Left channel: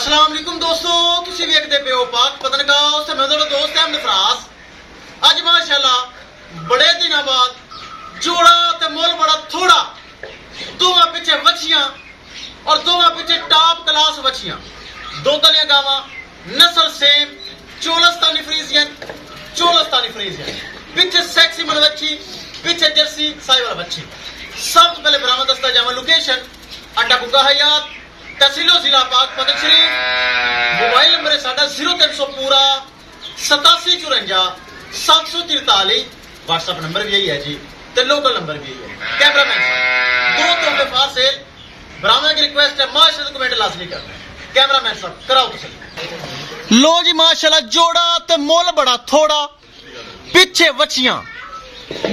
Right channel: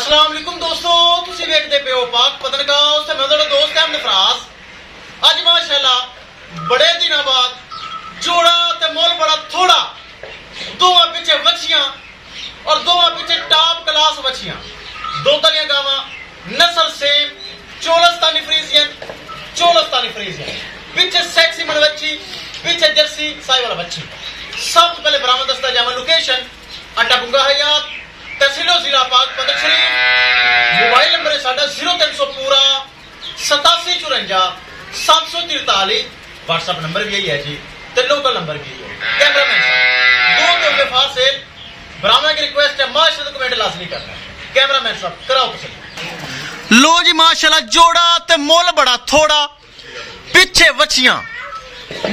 अस्सलाम वालेकुम दोस्तों, तुसी वेखदे पे हो पाक पतनगांव से मैं तेरा दोस्त अहमद फराज। अज माशाल्लाह बड़े दिनों बाद जोड़ा ते मोल बड़ा थोड़ा दोवां पिछे वछियां और दोवां पिछे टॉप क्लास वछियां, दो तलियां गावां, नस्ल सेम, चोलस्तानी फ्रीजियन, पिछे सेक्सी मन वच्छी, पिछे जर्सी साहिवाल वच्छी। सब तो पहले बरामद दस्ता जावा लोकेशन अड्डा बुंगा हयात, तहसीलो जिला पाक पतन शरीफ। मोबाइल नंबर है साडा 0300 पूरा 8754 743। व्हाट्सएप नंबर भी यही है जी, ते लोकल नंबर भी यही है। कैमरामैन साहब दो तोहफे फार सेल बरामद की रिक्वेस्ट है, माशाल्लाह कमेंट लाजमी करना है। कैमरामैन साहब कराओ तसल्ली। लो जी माशाल्लाह जोड़ा ते मोल बड़ा थोड़ा, पिछे वछियां,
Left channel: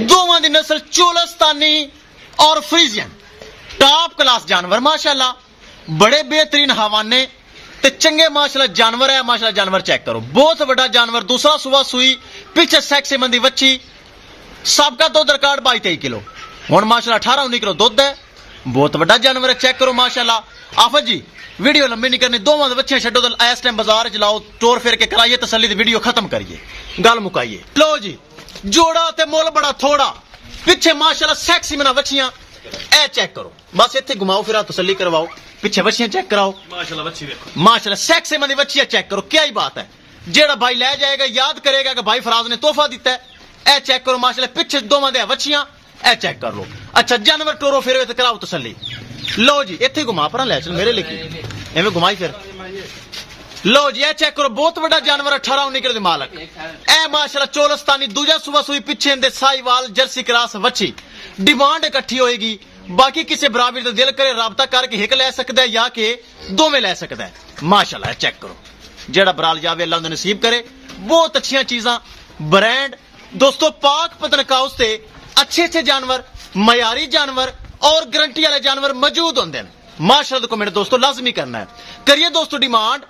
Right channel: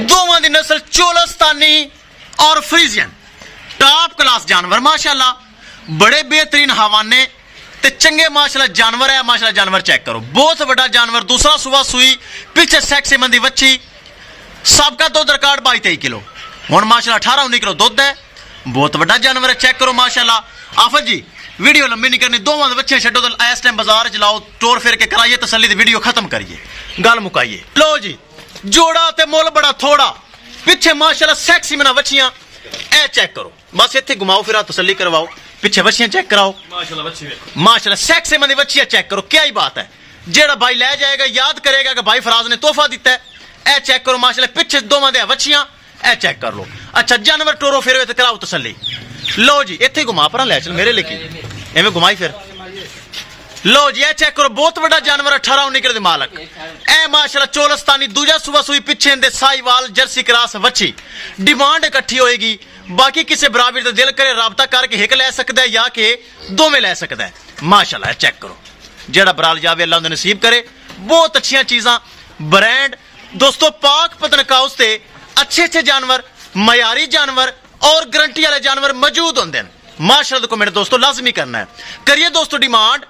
दोवां दी नस्ल चोलस्तानी और फ्रीजियन, टॉप क्लास जानवर माशाल्लाह, बड़े बेहतरीन हवाने ते चंगे माशाल्लाह जानवर है। माशाल्लाह जानवर चेक करो, बहुत बड़ा जानवर, दूसरा सुबह सुई, पीछे सेक्सी मंदी बच्ची, सबका दुध रिकॉर्ड 22-23 किलो, हुण माशाल्लाह 18-19 किलो दुध है, बहुत बड़ा जानवर है। चेक करो माशाल्लाह। आफत जी वीडियो लंबी नहीं करनी, दोवां बच्चे छड्डो तो इस टाइम बाजार च लाओ, टोर फिर के कराइए तसल्ली, वीडियो खत्म करिए, गल मुकाइए। लो जी जोड़ा ते मुल बड़ा थोड़ा, पिछे माशाल्लाह सेक्सी मना बच्चियां, ए चेक करो, बस इत्थे घुमाओ फिरा तसल्ली करवाओ, पिछे बच्चियां चेक कराओ माशाल्लाह। बच्ची देखो माशाल्लाह, सेक्सी मंदी बच्चियां चेक करो, क्या ही बात है। जेड़ा भाई ले जाएगा याद करेगा कि भाई फराज ने तोहफा दिता है। ए चेक करो माशाल्लाह, पिछे दोवां दे बच्चियां, ए चेक कर लो। अच्छा जानवर टोरो फिर ते कराओ तसल्ली। लो जी इत्थे घुमा पर ले चल मेरे लेके, एवं घुमाई फिर। लो जी ए चेक करो, बहुत बड़ा जानवर 18-19 किलो दे मालक, ए माशाल्लाह चोलस्तानी, दूजा सुबह सुई, पिछे दे साहिवाल जर्सी क्रास वच्छी। डिमांड इकट्ठी होएगी, बाकी किसी बराबर का दिल करे राबता करके हिक ले सकता है या कि दोवें ले सकता है। माशाल्लाह चेक करो, जेड़ा बराल जावे अल्लाह उन्हें नसीब करे। बहुत अच्छियां चीजां, ब्रांड दोस्तों पाक पतनगांव से अच्छे जानवर, मयारी जानवर और गारंटी वाले जानवर मौजूद होंगे। माशाल्लाह को मेरे दोस्तों लाजमी करना है, करिए दोस्तों डिमांड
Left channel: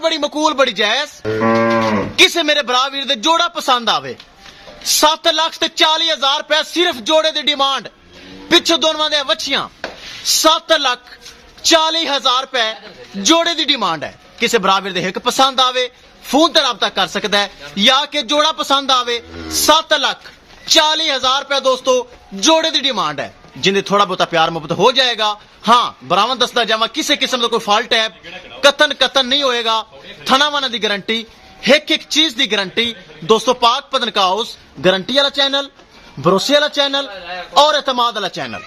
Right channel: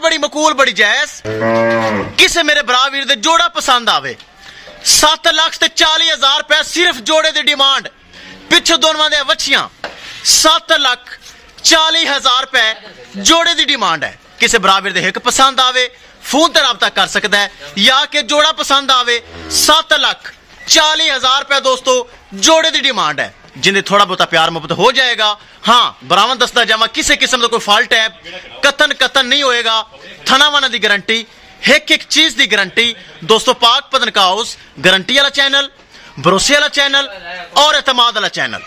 बड़ी मकूल, बड़ी जायज। किसे मेरे बराबर दे जोड़ा पसंद आवे, 7,40,000 रुपए सिर्फ जोड़े दी डिमांड, पिछे दोनों दे वछियां 7,40,000 रुपए जोड़े दी डिमांड है। किसे बराबर दे हिक पसंद आवे फोन ते राबता कर सकता है, या कि जोड़ा पसंद आवे 7,40,000 रुपए दोस्तों जोड़े दी डिमांड है, जिन्हें थोड़ा बहुत प्यार मोहब्बत हो जाएगा। हाँ बरामद दस्ता जावा, किसी किस्म का कोई फॉल्ट है कतन नहीं होएगा, थनावाना दी गारंटी, एक चीज दी गारंटी दोस्तों। पाक पतनगांव गारंटी वाला चैनल, भरोसे वाला चैनल और एतमाद वाला चैनल।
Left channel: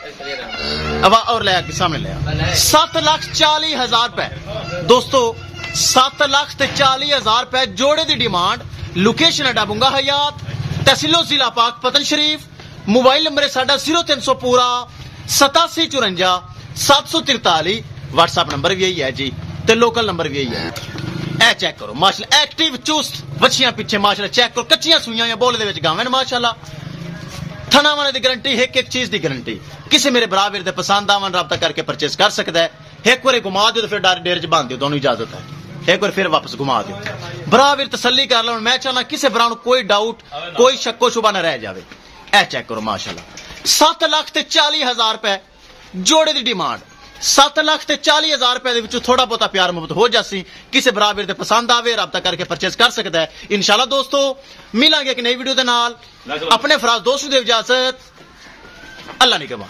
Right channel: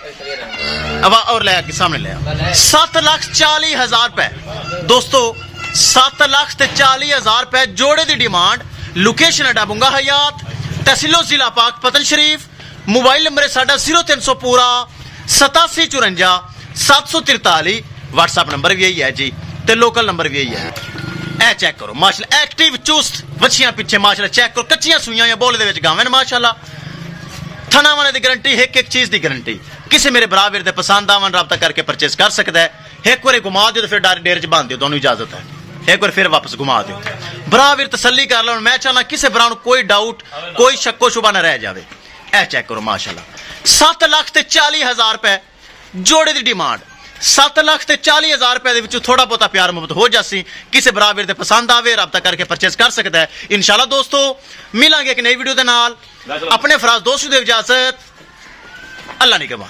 अब और ले सामने ले 7,40,000 रुपए दोस्तों, 7,40,000 रुपए जोड़े दी डिमांड। लोकेशन अड्डा बुंगा हयात, तहसीलो जिला पाक पतन शरीफ। मोबाइल नंबर है साडा 0300 पूरा 8754 743। व्हाट्सएप नंबर भी यही है जी, ते लोकल नंबर भी यही है। ए चेक करो माशाल्लाह, एक्टिव चुस्त वछियां पिछे माशाल्लाह चेक करो, कच्चियां सुइयां या बोले दे विच गावें माशाल्लाह, थनावाने दी गारंटी, एक चीज दी गारंटी। किसी मेरे बराबर दे पसंद आवन राबता करके परचेज कर सकता है। एक बार घुमा दियो तो फिर डेरे च बांध दियो, दोनों इजाजत है। एक बार फिर वापस घुमा दियो, बराबर तसल्ली कर लो। मैं चाहना किसी बरा कोई डाउट, कोई शक्को शुबा न रह जाए। ए चेक करो माशाल्लाह, 7,40,000 रुपए जोड़े दी डिमांड, 7,40,000 रुपए दे थोड़ा बहुत प्यार मोहब्बत हो जासी, किसी बराबर दे पसंद आवे राबता करके परचेज कर सकता है। इंशाल्लाह दोस्तों मिलांगे एक नई वीडियो दे नाल। अपने फराज दोस्त दे इजाजत, अल्लाह निगहबान।